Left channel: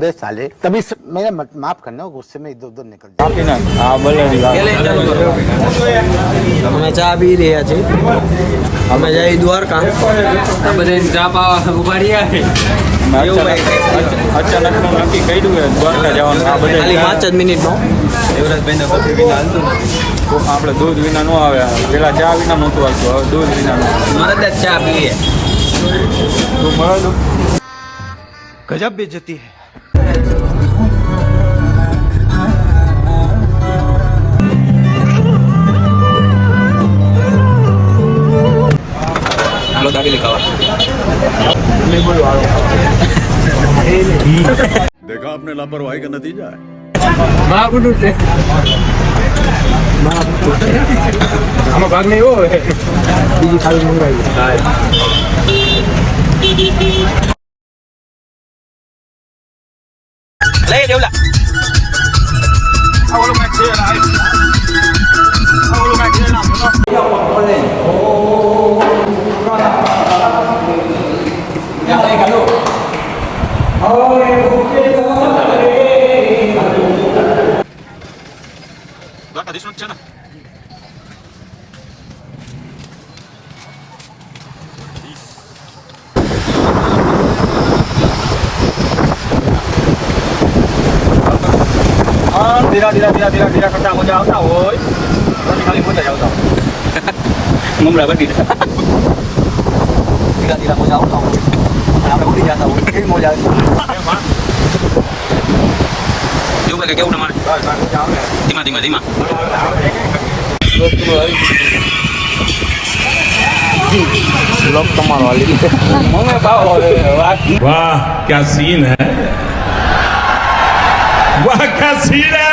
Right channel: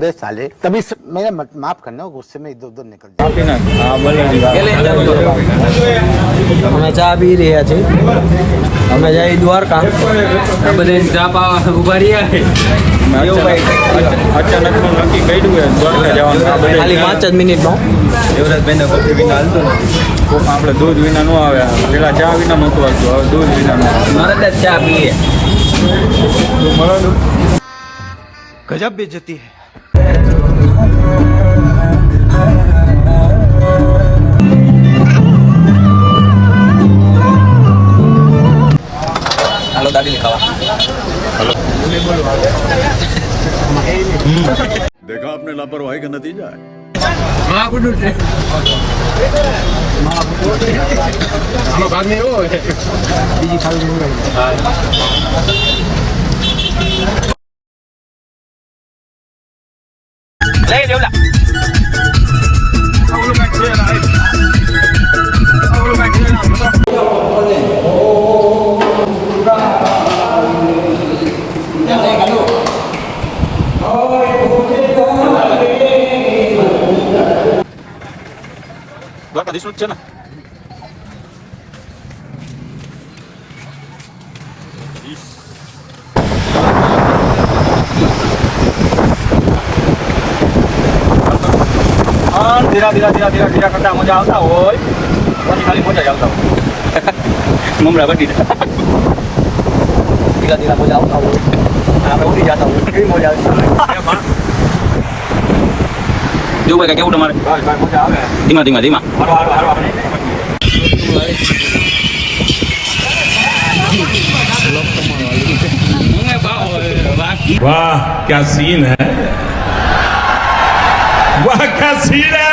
बे साले तभी मेरा माफ करना गुस्से में इधर उधर निकल जाए। અમે ચા પી રહ્યા છીએ અમે જઈ દ્વારકા આ બધા ચા પાવા ઉભા રહ્યા અચાનકમાં નક્કી કર્યું દ્વારકા જવાનું ખાલી 5 જ મિનિટમાં યુવરાજભાઈને પછી હાલતું આપણે દૂધ વિના ન આવે પેલા ચા વિના નહોતું આવતું હવે દૂધ વિના મારે ત્યાં ચા પીએ गजब बेइज्जती है। હાલો દાબેલી ખાવા देखा आपने लापरवाही का नतीजा है। બીજી ખાલી મંગાવી લઈ લેવલા ધીરા કરતા મજા આવતા હોય પછી ખાલી મજા જ આવતા મમરા બની ધીરા મજા આવતા હોય આપણે ઉડી જતા હોય કેવી મજા આવે કેવું ભાઈ કેવું તમારે મજા આવે ધીમા ધીમા ધીમા લોક તમારો વાલી મને ભાવ वाह क्या सीन है वाह क्या सीन है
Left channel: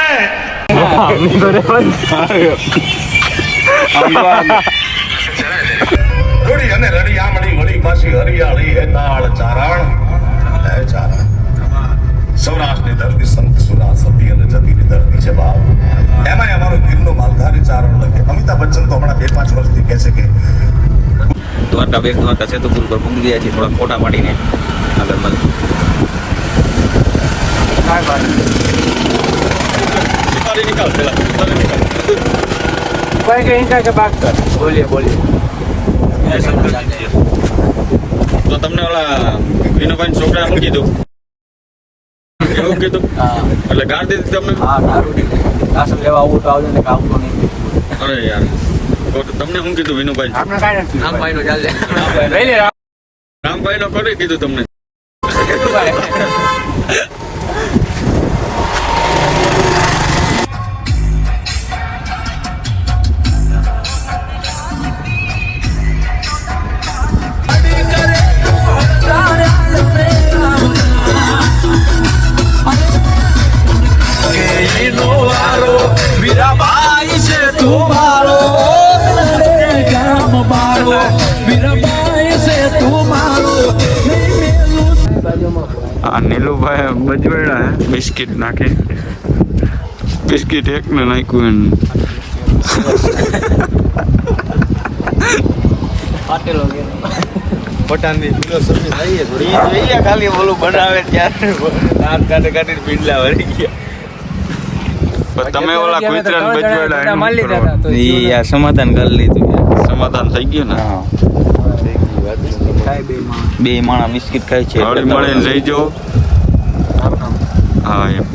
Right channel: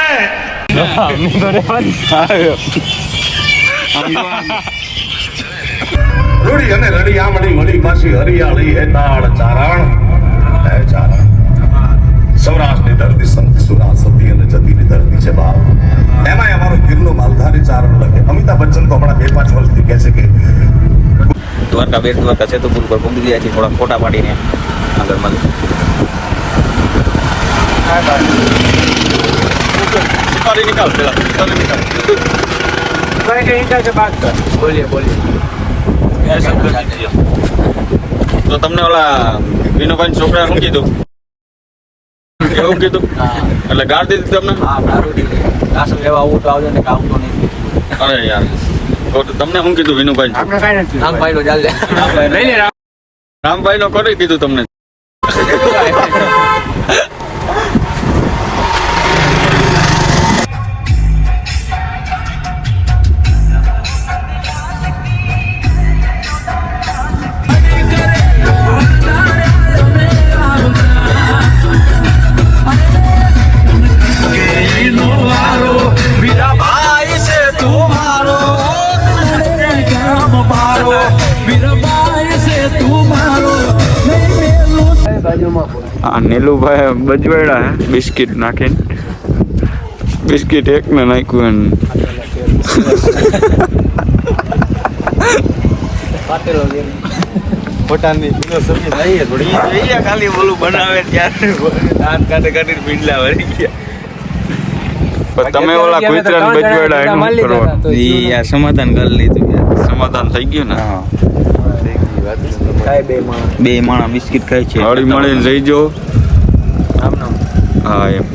રૂડી અને રડિયામણી મળી પાછી હરિયાળી હે તાળ ચારણ હે ચારણ સૌરાષ્ટ્રની ધરતી સંત સુરા સતી અને જતીની ધરતી છે બાપ એમાં અમારો ગીરનો માલધારી ચારણ લખે અમિતાભ બચ્ચન તો હમણાં 2-5 વર્ષથી કહે છે કે દ્વારકા બેટ દ્વારકા ચતુર્ભુજ પર પહોંચી ગયા છીએ થોડા ફોટા પાડીને આગળ બધું તો તમને ઓલા વિનુભાઈ છોકરા શું કીધું એવું કીધું એટલે ગાળ દીધી તમને આ શું કહેવા આવું તો આવજો ને કે આવતો નહીં અરે યાર તો તમને શું કીધું વિનુભાઈ ભાઈ નો ચાલે રામભાઈ નો કરી કીધું તમને આ નીલુભાઈ બજવાડા હે બિસ્કિટ નાખીને બિસ્કિટ એકને નાખ્યું પોતાની ફિલોસોફી થઈ થોડી ખાલી બોલું બનાવે ત્યારે દાંત કાઢી પીંડલા વળી ગયા તમે ઓલા કુતરા ને બજવાડા એનું કરવાનું ઈ આ સમાધાન કરી લીધું સમાધાન થઈ ગયું ને બે માણા બિસ્કિટ ખાય છે હળી મળીને રહી જાઓ હા એમ